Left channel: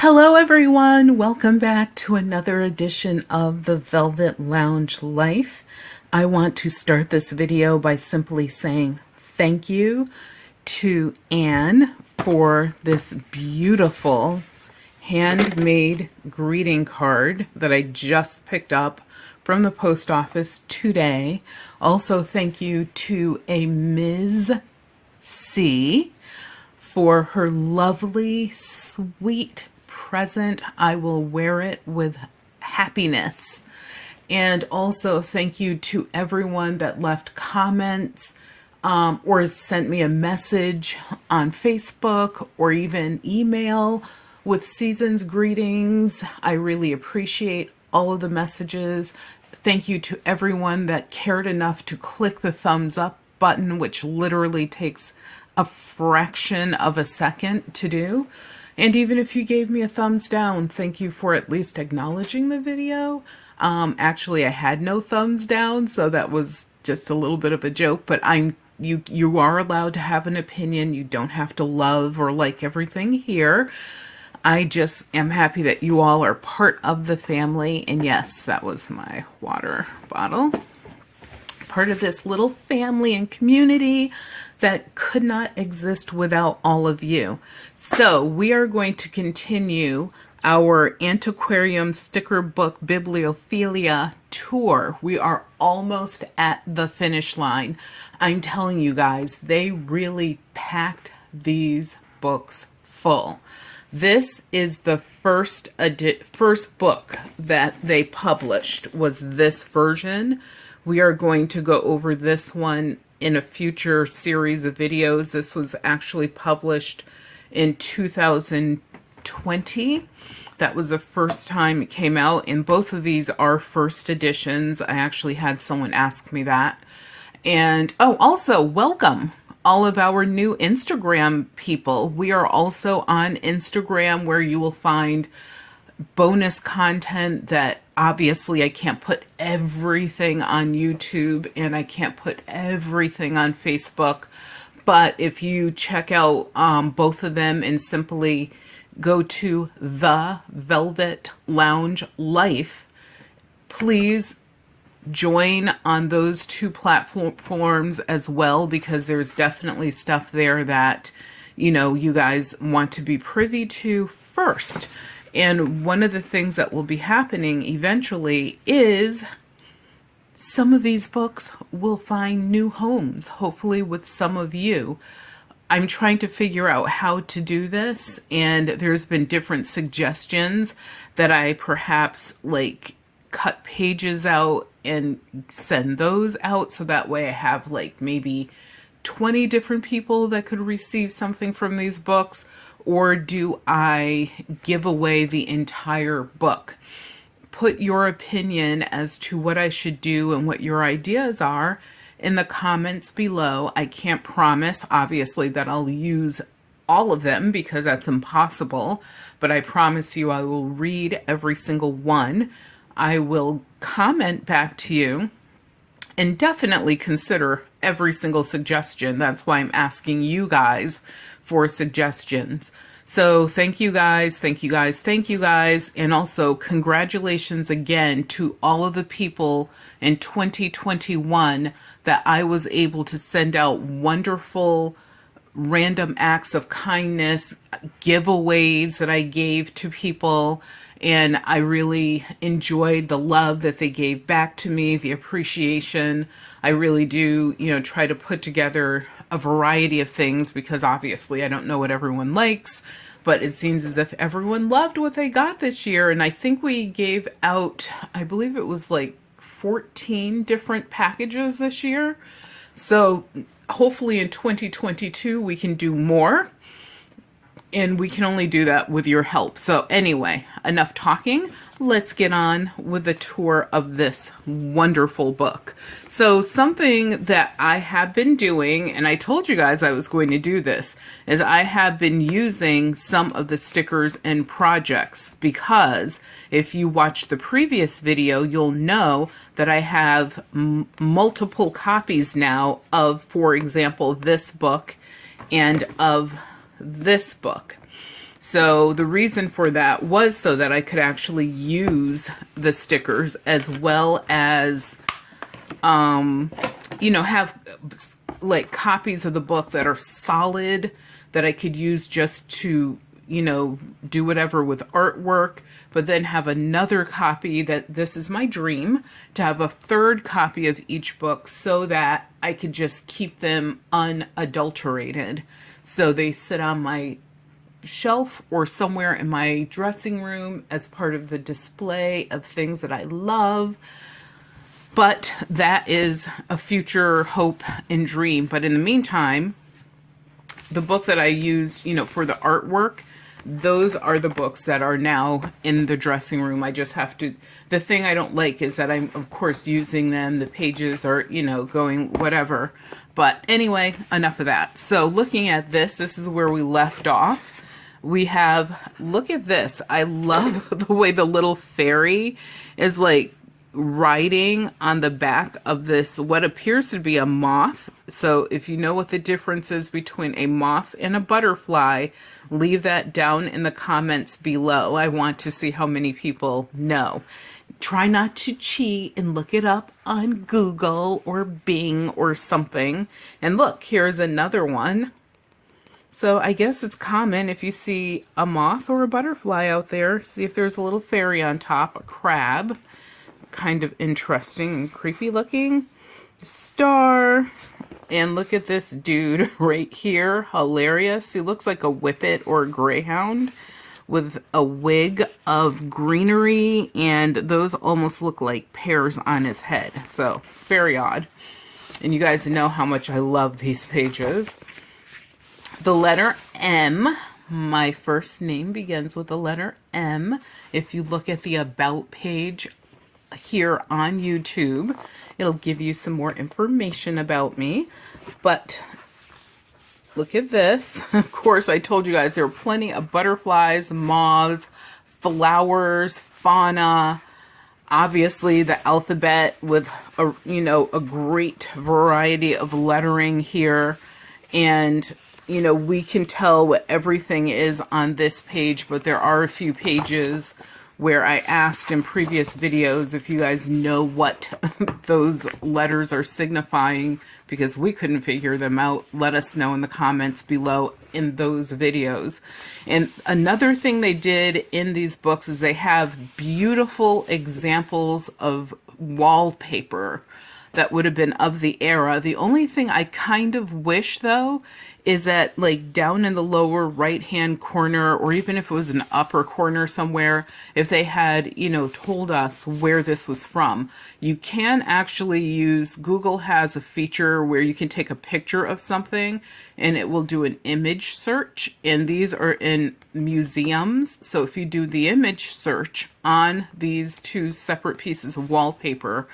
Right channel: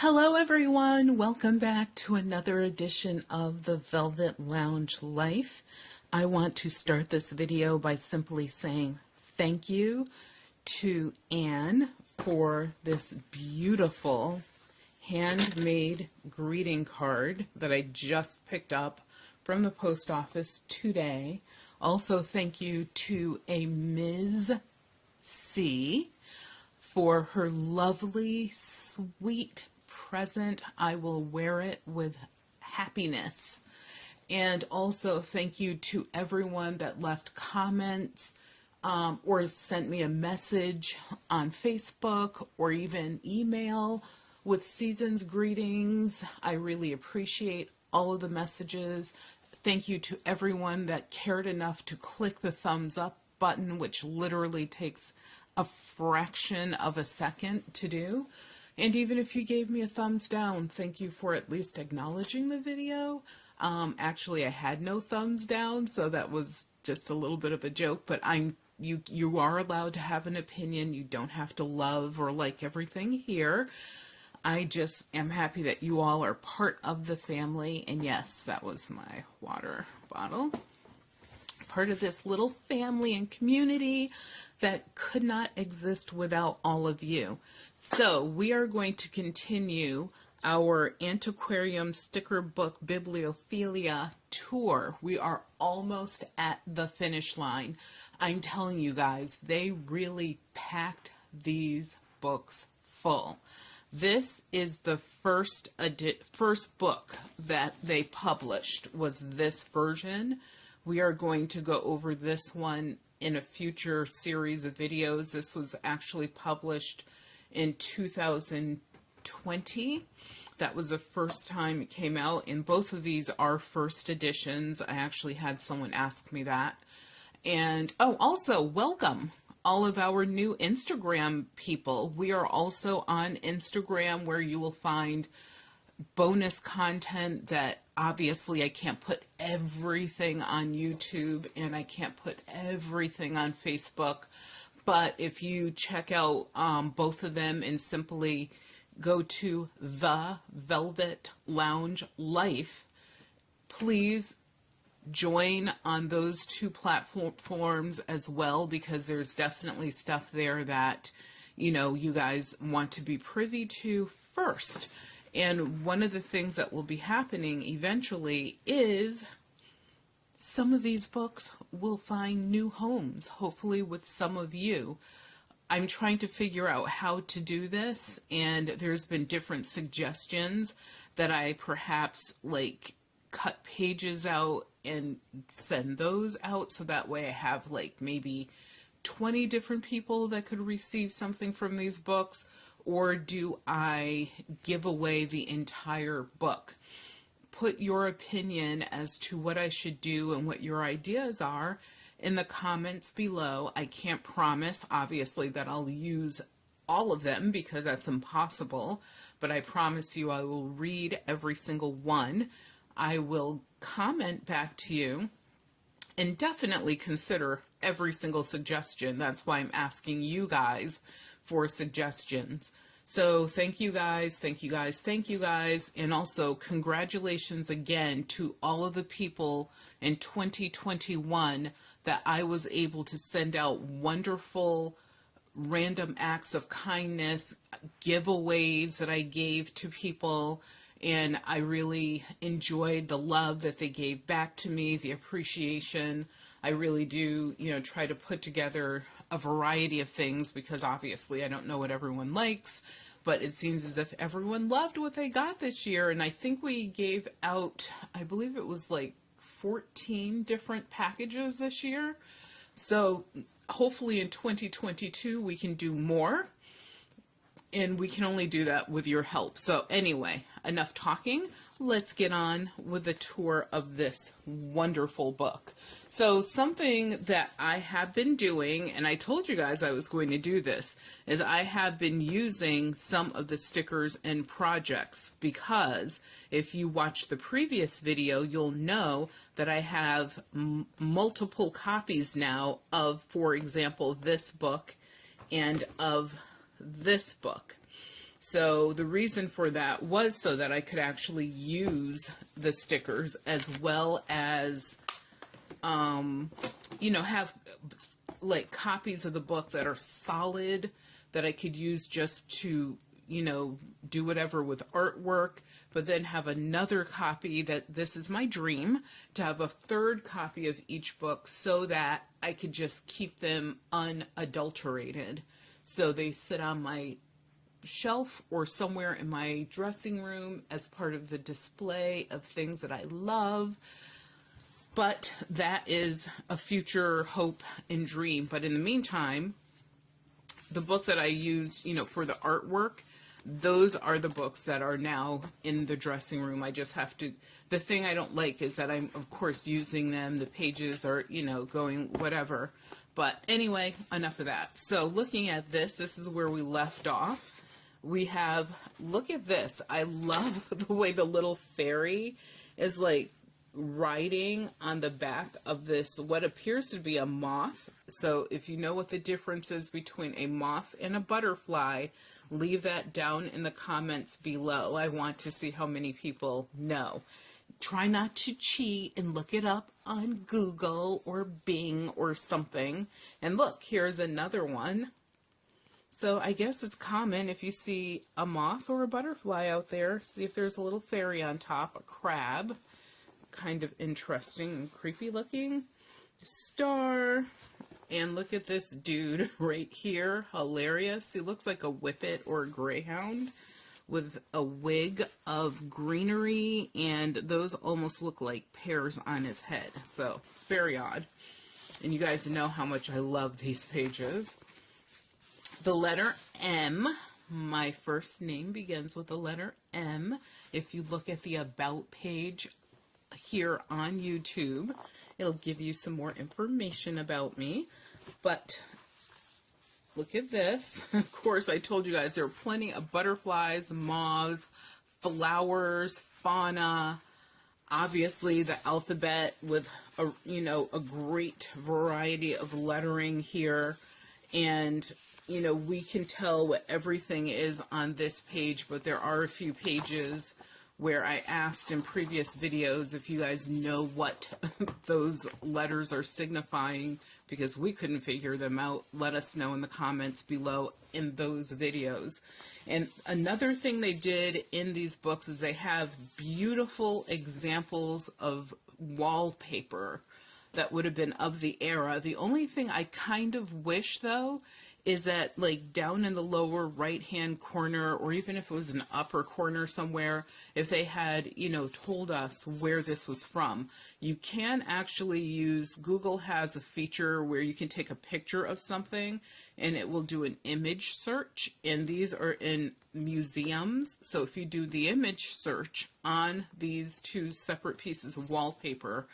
Hello everyone, welcome back to another edition of the Velvet Lounge Life. I want to start this video by simply saying thank you to Anne for this beautiful handmade greeting card that I just picked up from the post office today. Also thank you to a Ms. C for her lovely, sweet present. I will wear it with happiness. And also thank you to everyone that left comments or sent me a message on Facebook or even email with season's greetings. I really appreciate all of the messages. Thank you to everyone that cared enough to click the thumbs up button, which literally takes a fraction of a second to do. And even if you gave me a thumbs down, thank you for at least acknowledging the video. Actually, I had no thumbs down, so that was just a little bit of a joke, but you are allowed to have an opinion. You don't have to love or like everything here. I just am happy that you all are part of the family. And yes, that was my water bottle. Part of this little family and community that could not exist without all of you. So we are going to continue our Antiquarian sticker book Bibliophilia tour. We are almost at the finish line. I'm telling you guys, they really packed these books full. This is the first book that they published, was this version. We are going to go over this one in a future series of videos. This was actually published in 2020. That was the first time it came out, and both of these are first editions. I actually had someone ask me that. And oh, also welcome all of our new Instagram people. We are also on Instagram, where you will find bonus content that obviously I can't put everything on YouTube and I can't put everything on Facebook. But if you check out both of them and simply go to the Velvet Lounge Life, please join on those two platforms as well, because there's definitely stuff there that, you know, you guys want to be privy to first. And one of the things that will be happening eventually is some of these books will find new homes, hopefully with some of you. I'm trying to figure out how to do this, and there's been different suggestions that I perhaps like cut pages out and send those out, so that way I have like maybe 20 different people that could receive something from these books. Or do I give away the entire book? Put your opinion as to what I should do and what your ideas are in the comments below. I can't promise, obviously, that I'll use all of them, because that's impossible. But I promise you I will read every single one. I will comment back to you and definitely consider every single suggestion. That's why I'm asking you guys for suggestions. So thank you guys, thank you guys, thank you guys. And also congratulations again to all of the people in 2021 that I was able to send out wonderful random acts of kindness, giveaways that I gave to people. And I really enjoyed the love that they gave back to me, the appreciation. I really do, you know, try to put together a variety of things, because obviously I don't know what everyone likes, but it seems as if everyone loved what they got this year. And I think we gave out, I believe it was like 14 different packages this year. So hopefully in 2022 we can do more. And we can only do that with your help. So anyway, enough talking. Let's get on with the tour of this wonderful book. So something that I have been doing, and I told you guys I was going to do this, is I have been using some of the stickers and projects, because if you watched the previous video, you'll know that I have multiple copies now of, for example, this book and of this book. So the reason for that was so that I could actually use the stickers, as well as, have like copies of the book that are solid, that I could use just to, do whatever with artwork, but then have another copy. That this is my dream, to have a third copy of each book, so that I could just keep them unadulterated. So they sit on my shelf or somewhere in my dressing room as part of the display of things that I love. But that is a future hope and dream. But in the meantime, the book that I used, for the artwork, those are the books that are now in the dressing room. I just have to, the thing I don't like is that I'm, of course, using them. The pages are, going whatever. But anyway, enough of that. So looking at this is where we left off. We have, look at this. I love the way the little fairy is like writing on the back of this, what appears to be a moth. So if you know what the difference is between a moth and a butterfly, leave that down in the comments below. I want to see how many people know. Try not to cheat and look it up on Google or Bing or something. And look, here's another one. So I guess it's common if you see a moth or a butterfly out there. See if there's a little fairy on top, a crab. Kind of interesting and creepy looking. Star. And look at this dude right here. Hilarious. He looks like a whippet or a greyhound with a wig of greenery, and those almost look like pears on his head. So very odd. And you guys know how much I love these pages. The letter M. My first name begins with the letter M. If you look at the About page here on YouTube, it'll give you some more information about me. But look at this. Of course, I told you guys there are plenty of butterflies, moths, flowers, fauna. Obviously, the alphabet with a great variety of lettering here. And we can tell what everything is on this page, but there are a few pages where I asked in previous videos if you guys know what those letters are signifying, because we couldn't figure them out. Let us know in the comments below in those videos. And another thing they did in these books is they have beautiful examples of wallpaper that would have been of the era. The only thing I kind of wish, though, is that like down in the lower right hand corner, or even if it was an upper corner somewhere, if they had, told us where this was from. You can actually use, Google has a feature where you can take a picture of something and it will do an image search, and these are in museums. So if you do the image search on these two separate pieces of wallpaper,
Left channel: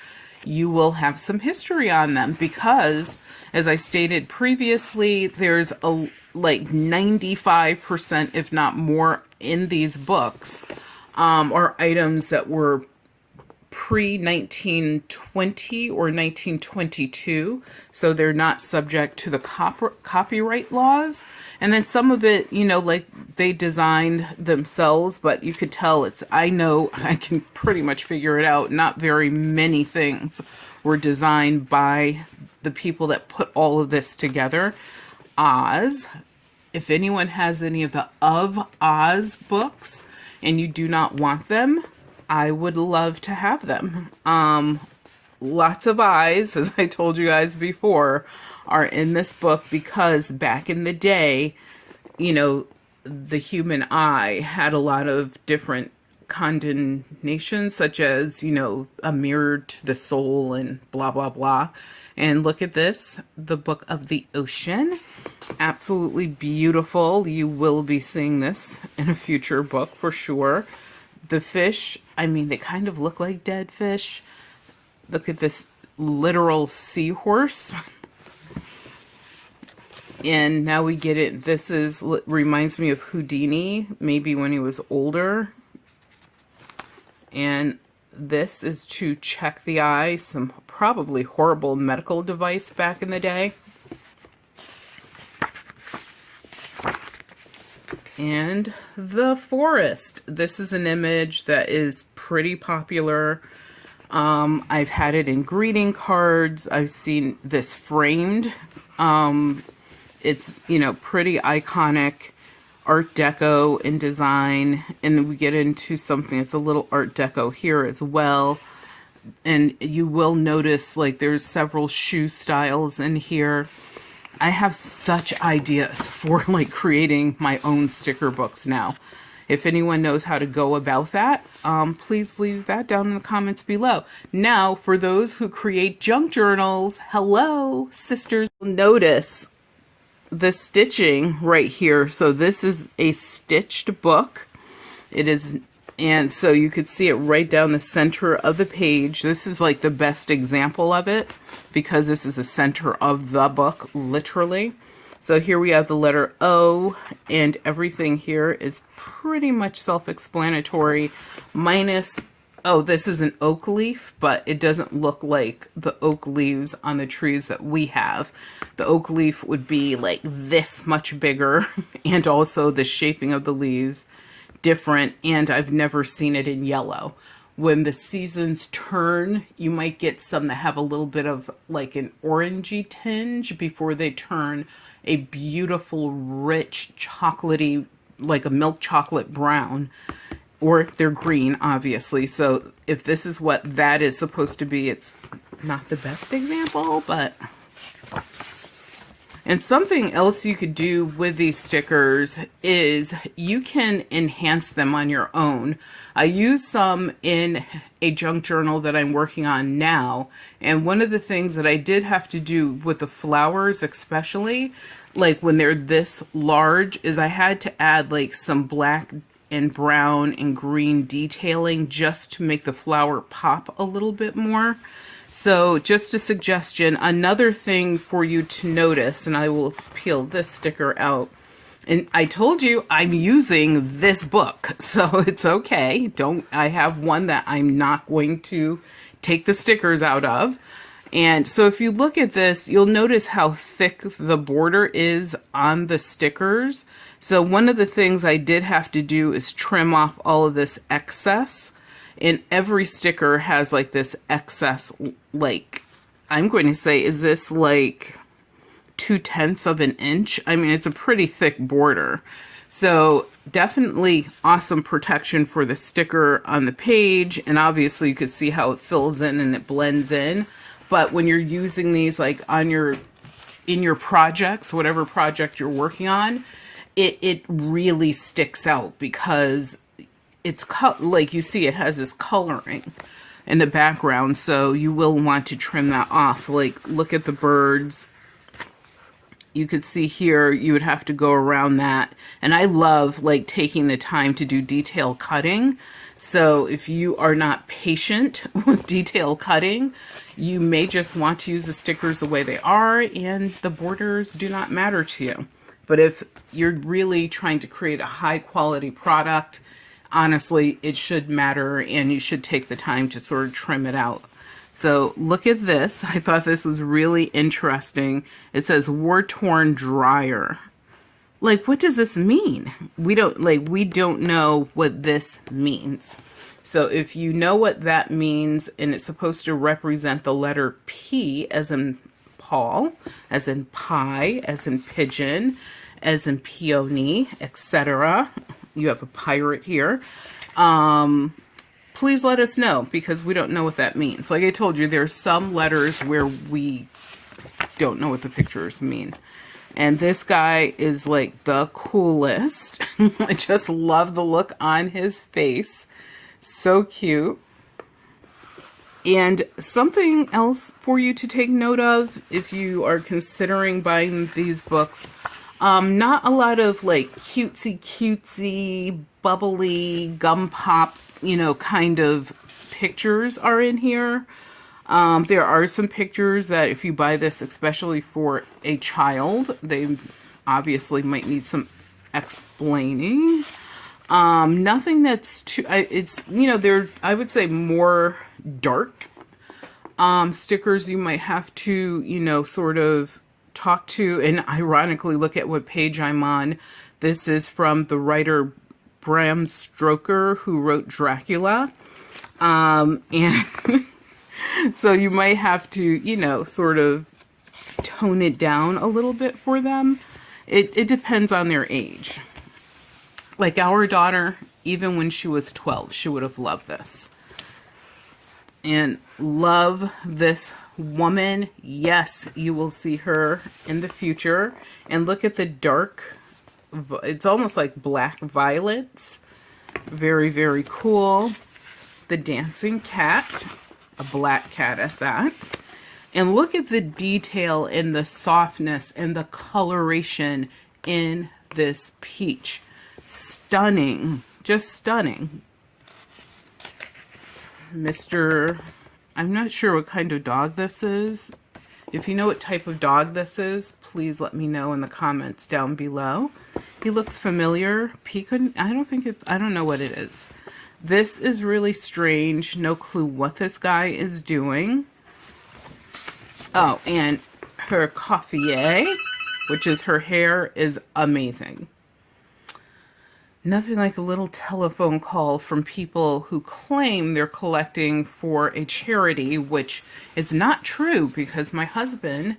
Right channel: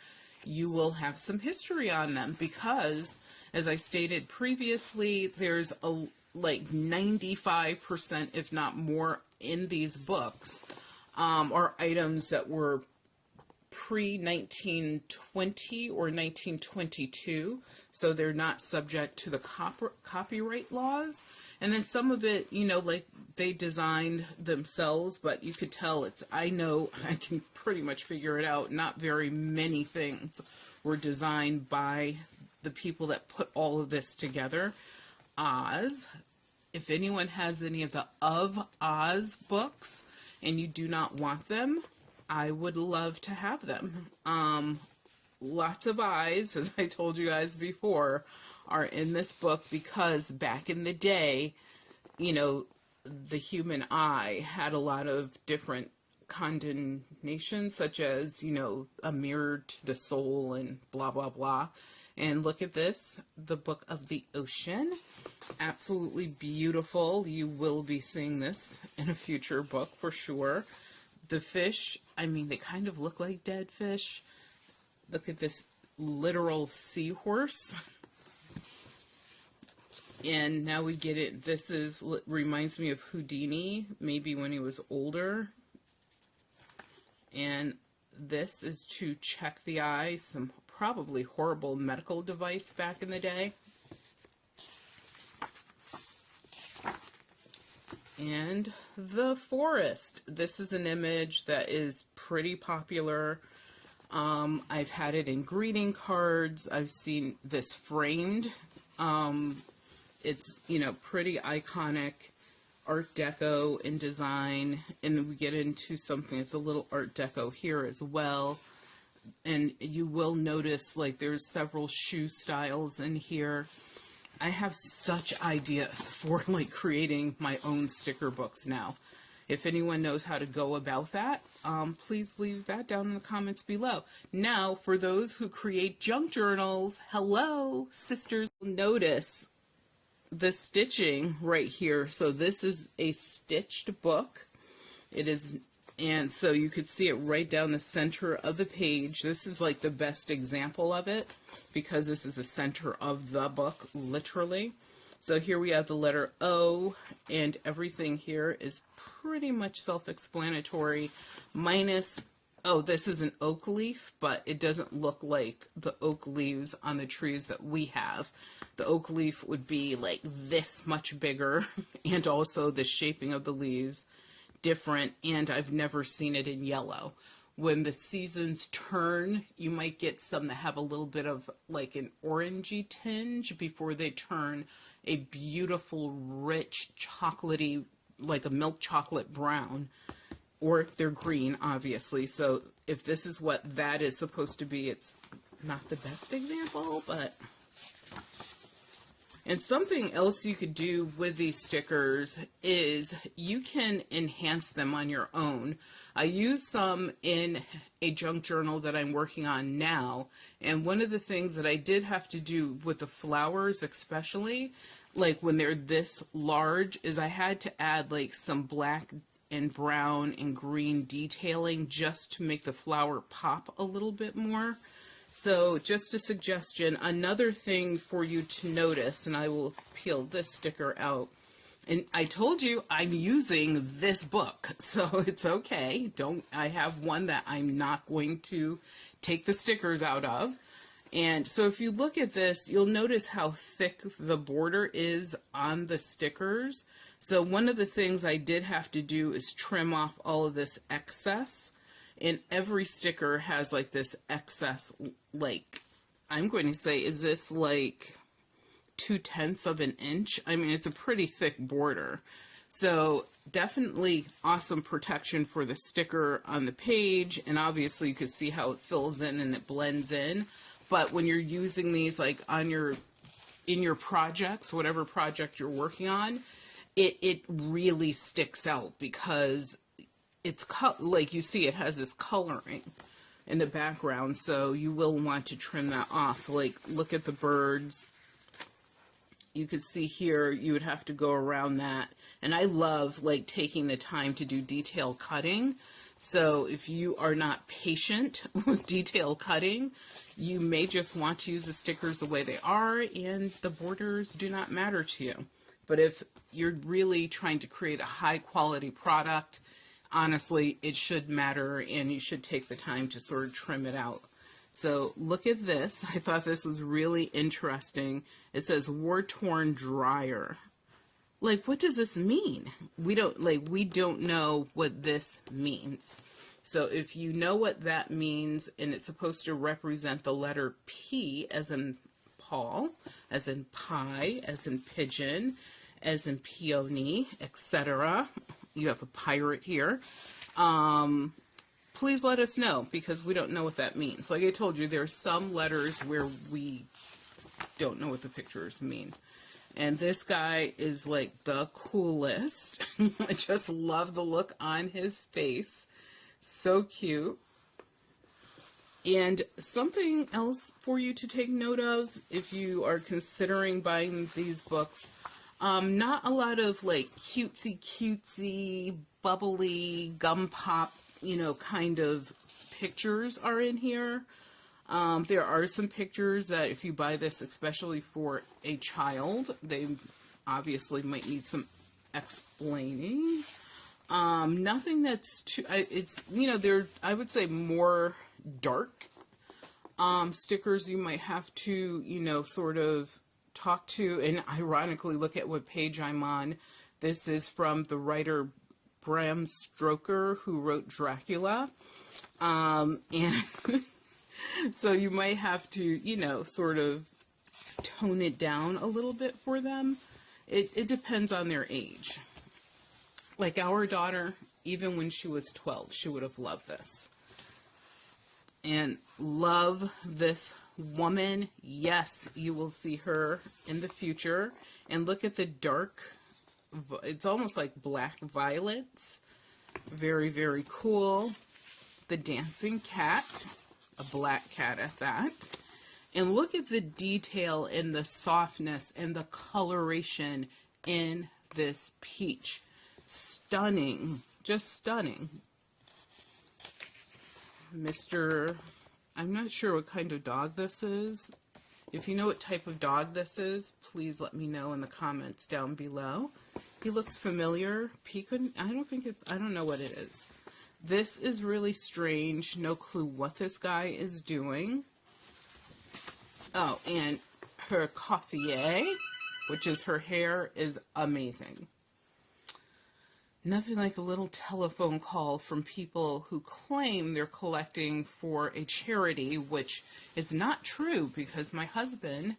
you will have some history on them, because as I stated previously, there's a like 95%, if not more, in these books are items that were pre-1920 or 1922, so they're not subject to the copyright laws. And then some of it, like they designed themselves, but you could tell I know I can pretty much figure it out. Not very many things were designed by the people that put all of this together. Oz. If anyone has any of the Of Oz books and you do not want them, I would love to have them. Lots of eyes, as I told you guys before, are in this book, because back in the day, the human eye had a lot of different condemnations, such as, a mirror to the soul and blah, blah, blah. And look at this, the Book of the Ocean. Absolutely beautiful. You will be seeing this in a future book for sure. The fish, they kind of look like dead fish. Look at this literal seahorse. And now we get it. This reminds me of Houdini, maybe when he was older. And this is to check the eye, some probably horrible medical device back in the day. And the forest. This is an image that is pretty popular. I've had it in greeting cards. I've seen this framed. It's, you know, pretty iconic Art Deco in design. And then we get into something that's a little Art Deco here as well. And you will notice like there's several shoe styles in here. I have such ideas for like creating my own sticker books now. If anyone knows how to go about that, please leave that down in the comments below. Now, for those who create junk journals, hello, sisters. Notice the stitching right here. So this is a stitched book. It is, and so you could see it right down the center of the page. This is like the best example of it because this is the center of the book, literally. So here we have the letter O, and everything here is pretty much self-explanatory, minus, oh, this is an oak leaf, but it doesn't look like the oak leaves on the trees that we have. The oak leaf would be like this much bigger, and also the shaping of the leaves different, and I've never seen it in yellow. When the seasons turn, you might get some that have a little bit of like an orangey tinge before they turn a beautiful, rich, chocolatey, like a milk chocolate brown, or they're green, obviously. So if this is what that is supposed to be, it's not the best example, but... And something else you could do with these stickers is you can enhance them on your own. I use some in a junk journal that I'm working on now. And one of the things that I did have to do with the flowers, especially, like when they're this large, is I had to add like some black and brown and green detailing just to make the flower pop a little bit more. So just a suggestion, another thing for you to notice, and I will peel this sticker out. And I told you I'm using this book, so it's okay. I have one that I'm not going to take the stickers out of. And so if you look at this, you'll notice how thick the border is on the stickers. So one of the things I did have to do is trim off all of this excess. And every sticker has like this excess, like, I'm going to say, is this like 2/10 of an inch? I mean, it's a pretty thick border. So definitely awesome protection for the sticker on the page. And obviously you can see how it fills in and it blends in. But when you're using these like on in your projects, whatever project you're working on, it really sticks out because it's like you see it has this coloring in the background, so you will want to trim that off. Like, look at the birds. You could see here you would have to go around that, and I love like taking the time to do detail cutting. So if you are not patient with detail cutting, you may just want to use the stickers the way they are and the borders do not matter to you. But if you're really trying to create a high quality product, honestly, it should matter, and you should take the time to sort of trim it out. So look at this. I thought this was really interesting. It says war-torn dryer. Like, what does this mean? We don't know what this means. So if you know what that means, and it's supposed to represent the letter P as in Paul, as in pie, as in pigeon, as in peony, etc. You have a pirate here. Please let us know, because we don't know what that means. Like I told you, there's some letters where we don't know what the pictures mean. And this guy is like the coolest. I just love the look on his face. So cute. And something else for you to take note of if you are considering buying these books. Not a lot of like cutesy, bubbly, gum pop, kind of pictures are in here. There are some pictures that if you buy this, especially for a child, they obviously might need some explaining. Nothing that's too, they're, I would say, more dark stickers you might have to, sort of talk to and ironically look at what page I'm on. This is from the writer Bram Stoker, who wrote Dracula. And so you might have to, you know, sort of tone it down a little bit for them. It depends on their age. Like our daughter, even when she was 12, she would have loved this. And love this woman. Yes, you will see her in the future. And look at the dark, it's almost like black violets. Very, very cool. The dancing cat, a black cat at that. And look at the detail and the softness and the coloration in this peach. Stunning, just stunning. I'm not sure what kind of dog this is. If you know what type of dog this is, please let me know in the comments down below. He looks familiar. I don't know what it is. This is really strange. No clue what this guy is doing. Oh, and her coiffier, which is her hair, is amazing. Nothing like a little telephone call from people who claim they're collecting for a charity, which is not true because my husband,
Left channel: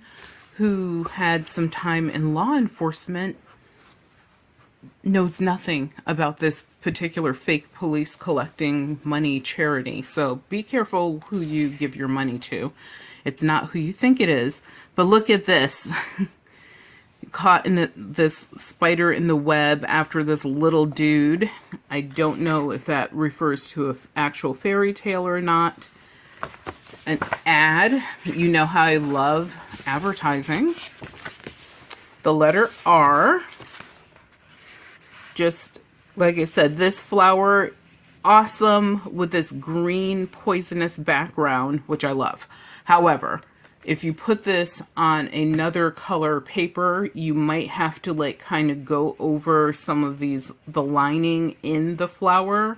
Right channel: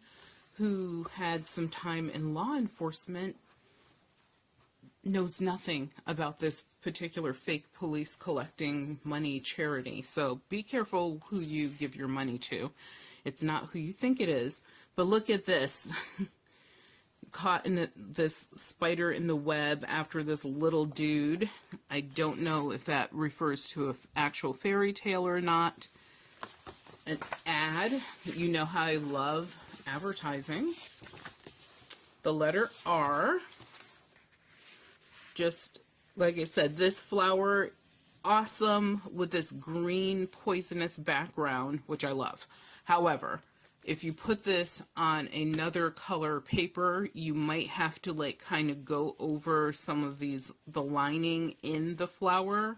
who had some time in law enforcement, knows nothing about this particular fake police collecting money charity. So be careful who you give your money to. It's not who you think it is. But look at this. Caught in this spider in the web after this little dude. I don't know if that refers to an actual fairy tale or not. An ad. You know how I love advertising. The letter R. Just like I said, this flower, awesome with this green poisonous background, which I love. However, if you put this on another color paper, you might have to like kind of go over some of the lining in the flower,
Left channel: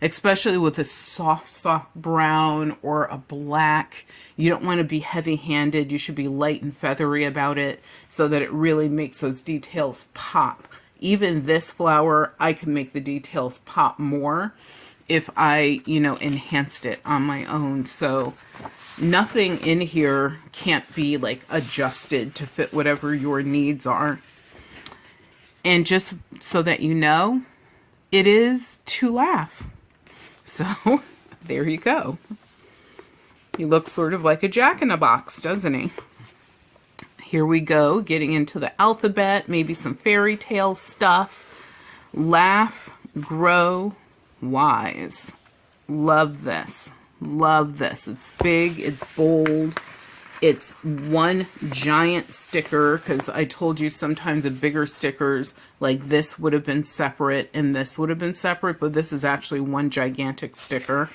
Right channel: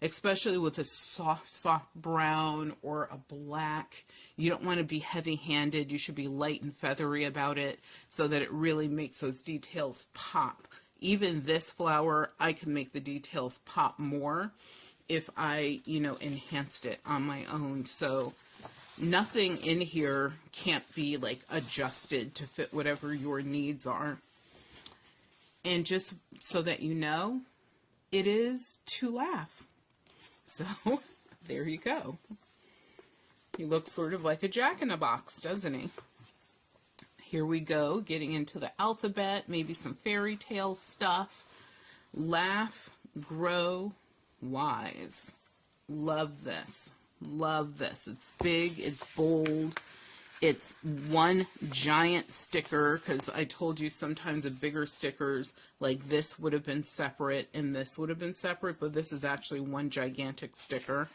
especially with a soft brown or a black. You don't want to be heavy-handed. You should be light and feathery about it so that it really makes those details pop. Even this flower, I can make the details pop more if I, enhanced it on my own. So nothing in here can't be like adjusted to fit whatever your needs are. And just so that you know, it is to laugh. So there you go. He looks sort of like a jack-in-a-box, doesn't he? Here we go, getting into the alphabet, maybe some fairy tale stuff. Laugh, grow, wise. Love this. Love this. It's big, it's bold. It's one giant sticker, because I told you sometimes the bigger stickers like this would have been separate and this would have been separate, but this is actually one gigantic sticker.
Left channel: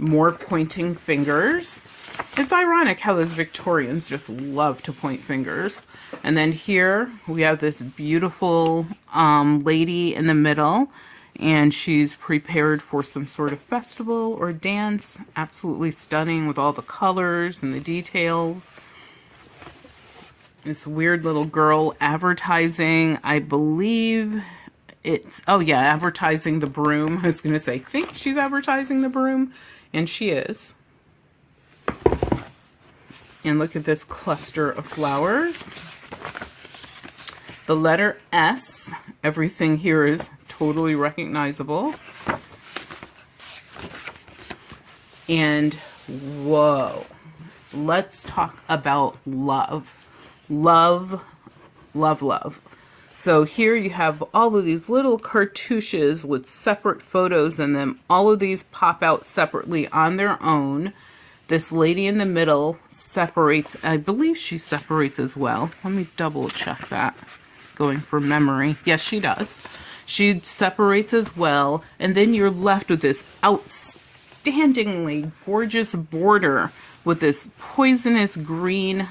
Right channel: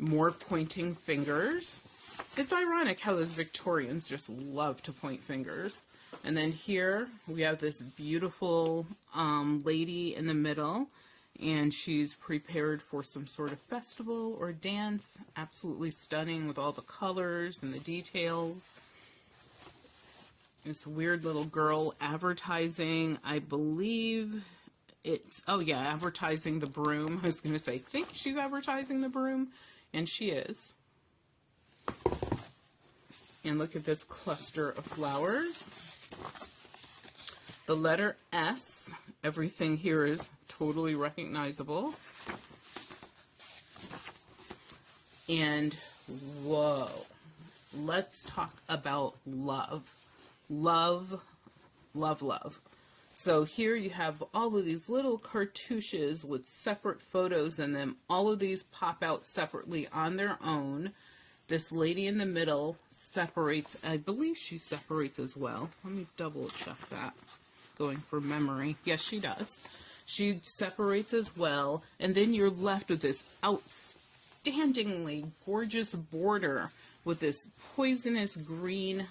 More pointing fingers. It's ironic how those Victorians just love to point fingers. And then here we have this beautiful lady in the middle, and she's prepared for some sort of festival or dance. Absolutely stunning with all the colors and the details. This weird little girl advertising, I believe it's, oh yeah, advertising the broom. I was going to say, I think she's advertising the broom, and she is. And look at this cluster of flowers. The letter S. Everything here is totally recognizable. And whoa, let's talk about love. Love, love, love. So here you have all of these little cartouches with separate photos in them. All of these pop out separately on their own. This lady in the middle separates. I believe she separates as well. Let me double check that. Going from memory. Yes, she does. She separates as well. And then you're left with this outstandingly gorgeous border with this poisonous green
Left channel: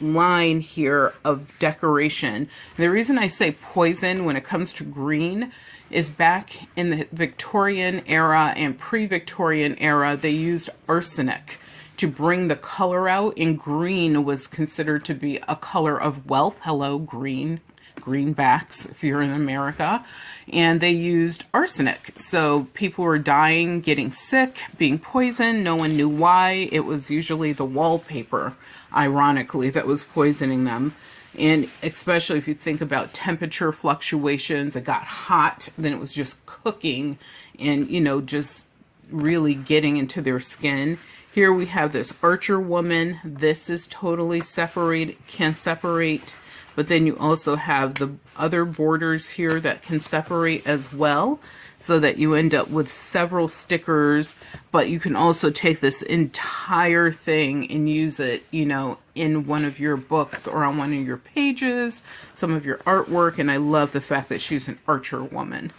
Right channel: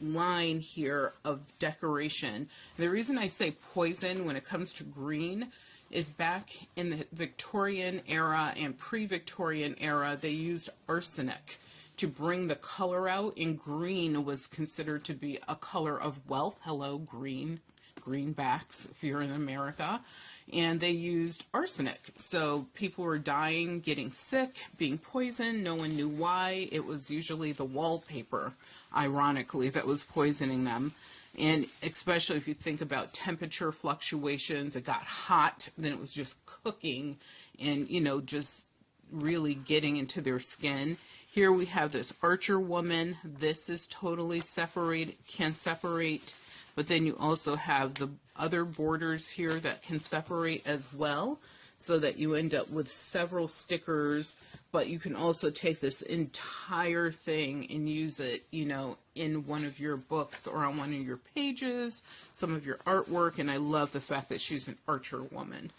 line here of decoration. And the reason I say poison when it comes to green is back in the Victorian era and pre-Victorian era, they used arsenic to bring the color out, and green was considered to be a color of wealth. Hello, green. Greenbacks, if you're in America. And they used arsenic. So people were dying, getting sick, being poisoned. No one knew why. It was usually the wallpaper, ironically, that was poisoning them. And especially if you think about temperature fluctuations, it got hot, then it was just cooking and, you know, just really getting into their skin. Here we have this archer woman. This is totally separated, can separate. But then you also have the other borders here that can separate as well, so that you end up with several stickers. But you can also take this entire thing and use it, you know, in one of your books or on one of your pages, some of your artwork. And I love the fact that she's an archer woman.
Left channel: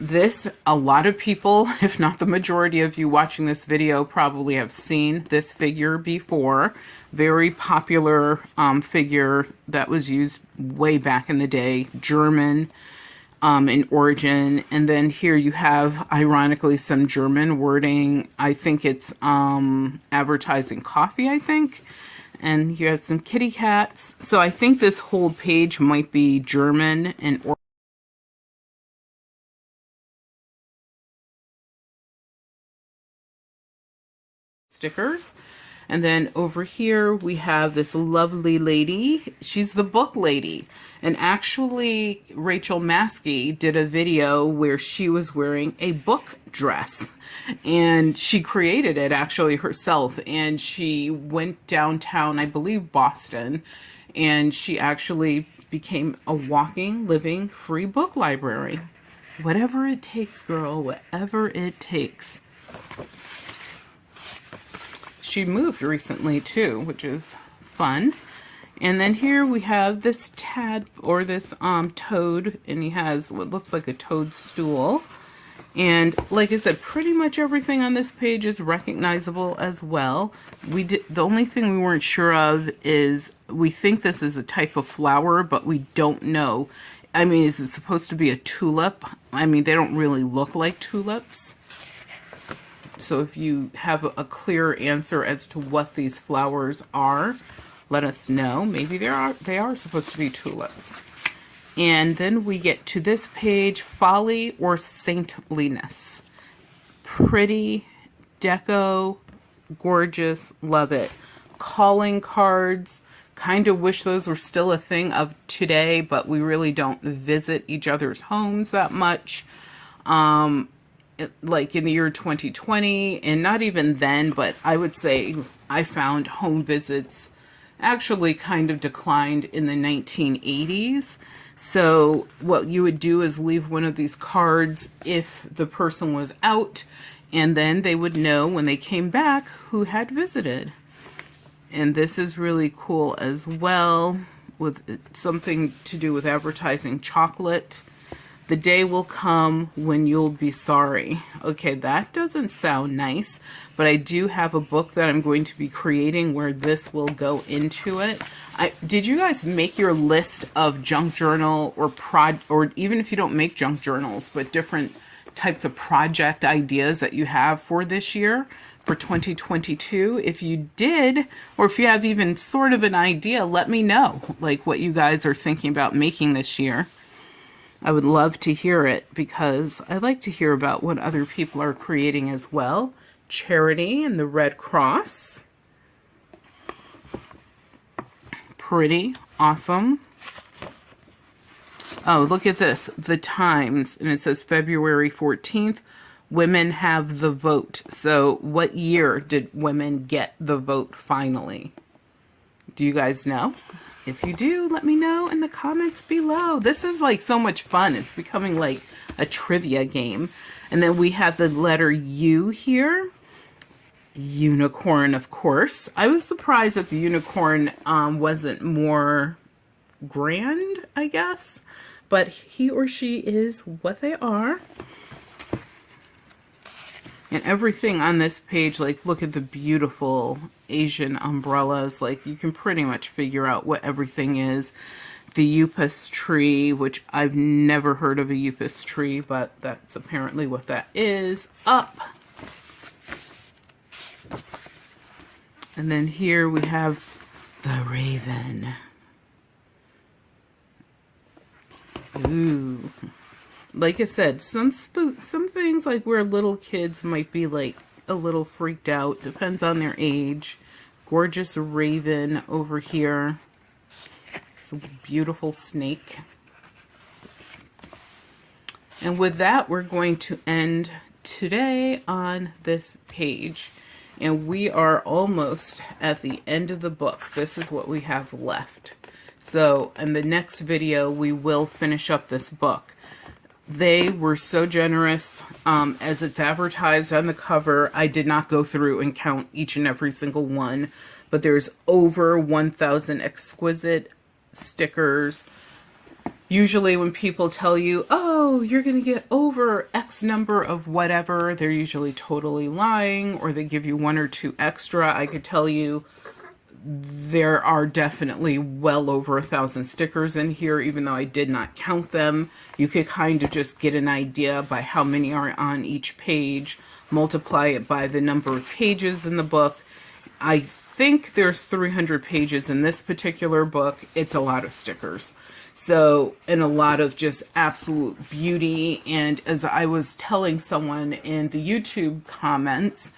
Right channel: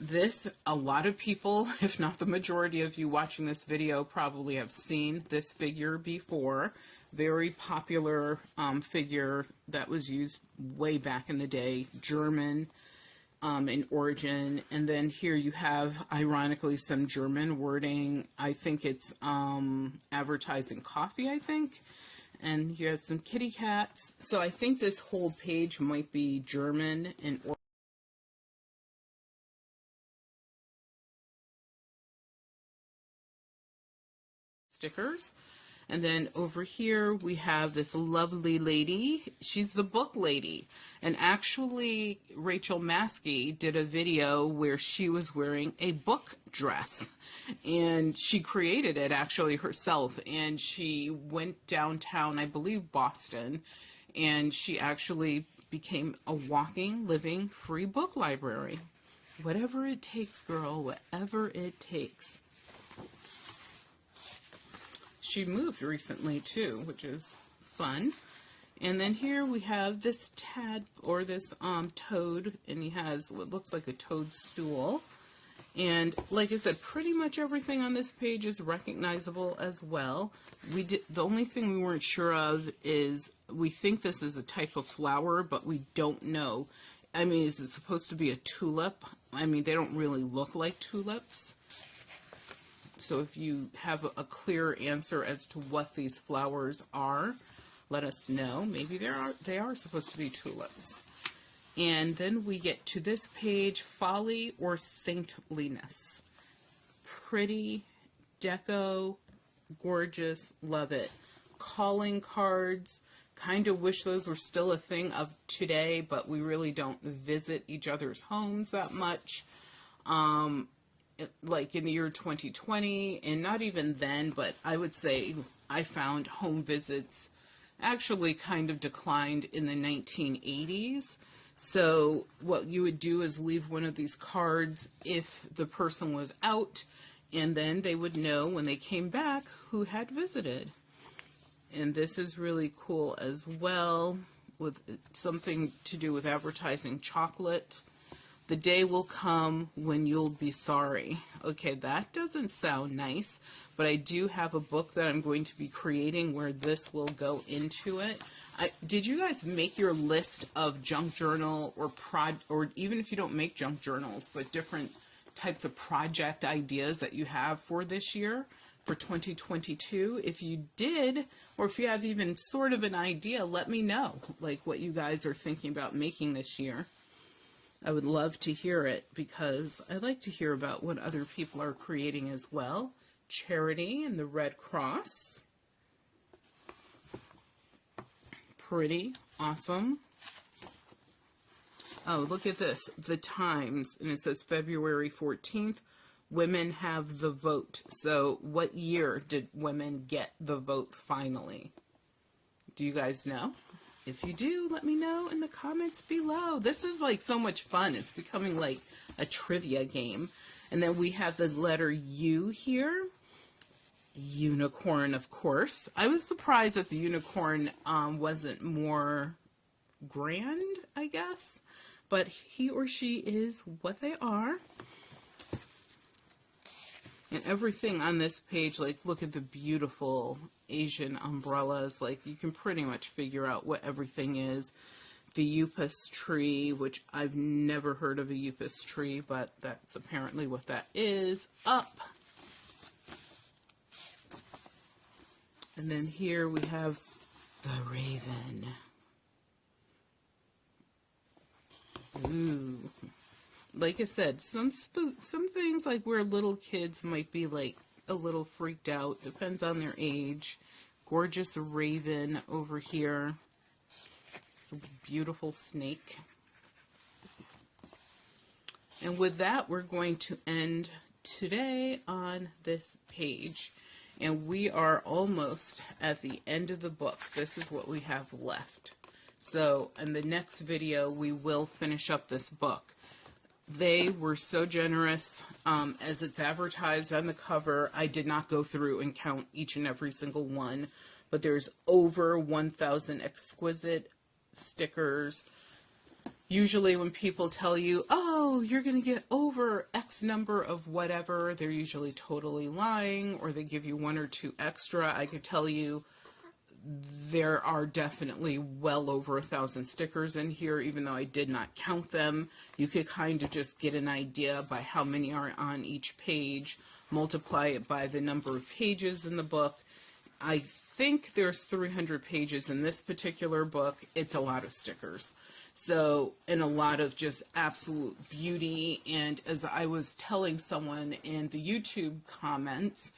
This, a lot of people, if not the majority of you watching this video, probably have seen this figure before. Very popular figure that was used way back in the day, German in origin. And then here you have, ironically, some German wording. I think it's advertising coffee, I think. And you have some kitty cats. So I think this whole page might be German and stickers. And then over here we have this lovely lady. She's the book lady. And actually Rachel Maskey did a video where she was wearing a book dress. And she created it actually herself. And she went downtown, I believe Boston, and she actually became a walking, living, free book library. Whatever it takes, girl, whatever it takes. She moved recently too, which is fun. And then here we have this tad, or this toad, and he has what looks like a toadstool. And like I said, pretty much everything on this page is recognizable as well. The only thing we weren't sure of is, we think this is a type of flower, but we don't know. I mean, is it supposed to be a tulip? I mean, they don't really look like tulips. So if you have a clear answer as to what these flowers are, let us know. Maybe they are supposed to be tulips. And then we get to this page, Folly or Saintliness. Pretty, deco, gorgeous, love it. Calling cards, kind of wish those were still a thing of today, but we really don't visit each other's homes that much. Like in the year 2020, and not even then, but I would say I found home visits actually kind of declined in the 1980s. So what you would do is leave one of these cards if the person was out, and then they would know when they came back who had visited. And this is really cool as well, with something to do with advertising chocolate. The day will come when you'll be sorry. Okay, that doesn't sound nice, but I do have a book that I'm going to be creating where this will go into it. Did you guys make your list of junk journal or even if you don't make junk journals, but different types of project ideas that you have for this year, for 2022? If you did, or if you have even sort of an idea, let me know, like what you guys are thinking about making this year. I would love to hear it, because I like to hear about what other people are creating as well. Charity and the Red Cross. Pretty awesome. Oh, look at this. The Times, and it says February 14th, women have the vote. So what year did women get the vote finally? Do you guys know? If you do, let me know in the comments below. This is like so much fun. It's becoming like a trivia game. And then we have the letter U here. Unicorn, of course. I was surprised that the unicorn wasn't more grand, I guess. But he or she is what they are. And everything on this page, like, look at the beautiful Asian umbrellas. Like, you can pretty much figure out what everything is. the Upas tree, which I've never heard of a Upas tree, but that's apparently what that is, up. And then here we have the raven. Ooh. Like I said, some things like where little kids might be like a little freaked out, depends on their age. Gorgeous raven over here. It's a beautiful snake. And with that, we're going to end today on this page. And we are almost at the end of the book. This is what we have left. So in the next video, we will finish up this book. They were so generous. As it's advertised on the cover, I did not go through and count each and every single one, but there's over 1,000 exquisite stickers. Usually when people tell you, oh, you're going to get over X number of whatever, they're usually totally lying, or they give you 1 or 2 extra. I could tell you there are definitely well over 1,000 stickers in here, even though I did not count them. You could kind of just get an idea by how many are on each page, multiply it by the number of pages in the book. I think there's 300 pages in this particular book. It's a lot of stickers. So, and a lot of just absolute beauty. And as I was telling someone in the YouTube comments,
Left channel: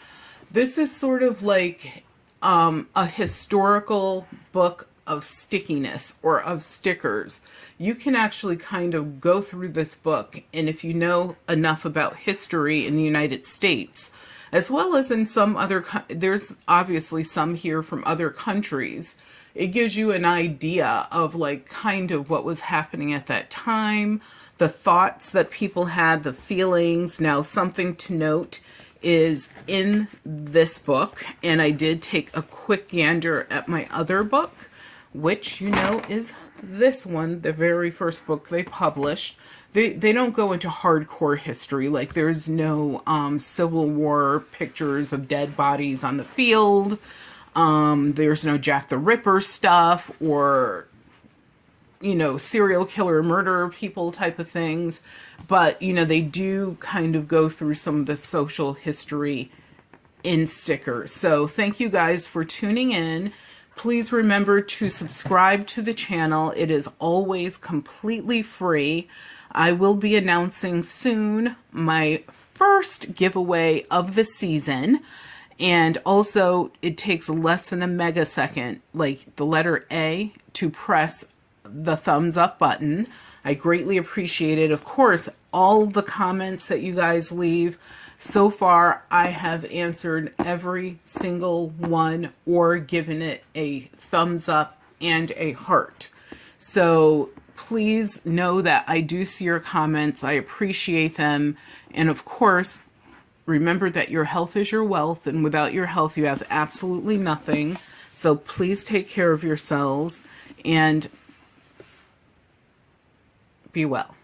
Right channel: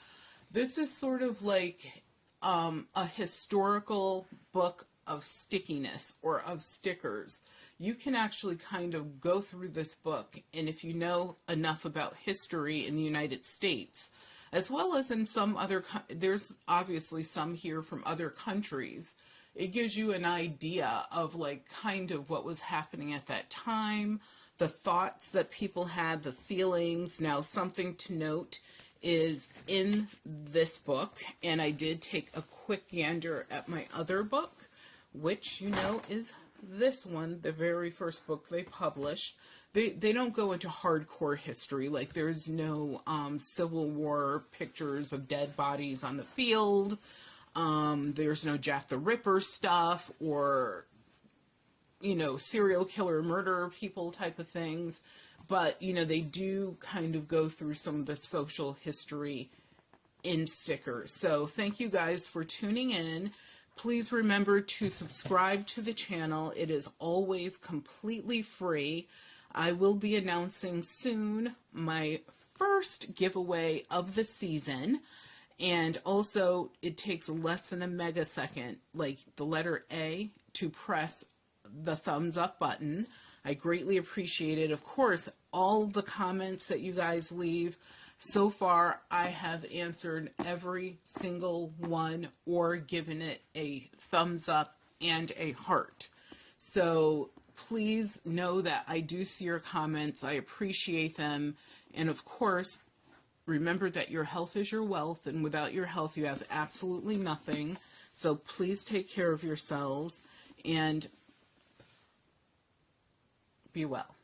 this is sort of like a historical book of stickiness or of stickers. You can actually kind of go through this book, and if you know enough about history in the United States, as well as in some other, there's obviously some here from other countries, it gives you an idea of like kind of what was happening at that time, the thoughts that people had, the feelings. Now, something to note is in this book, and I did take a quick gander at my other book, which you know is this one, the very first book they published. They don't go into hardcore history, like there's no Civil War pictures of dead bodies on the field. There's no Jack the Ripper stuff or, you know, serial killer murder people type of things. But, you know, they do kind of go through some of the social history in stickers. So thank you guys for tuning in. Please remember to subscribe to the channel. It is always completely free. I will be announcing soon my first giveaway of the season. And also, it takes less than a megasecond, like the letter A, to press the thumbs up button. I greatly appreciate it. Of course, all the comments that you guys leave, so far I have answered every single one or given it a thumbs up and a heart. So please know that I do see your comments. I appreciate them. And of course, remember that your health is your wealth, and without your health, you have absolutely nothing. So please take care of yourselves and be well.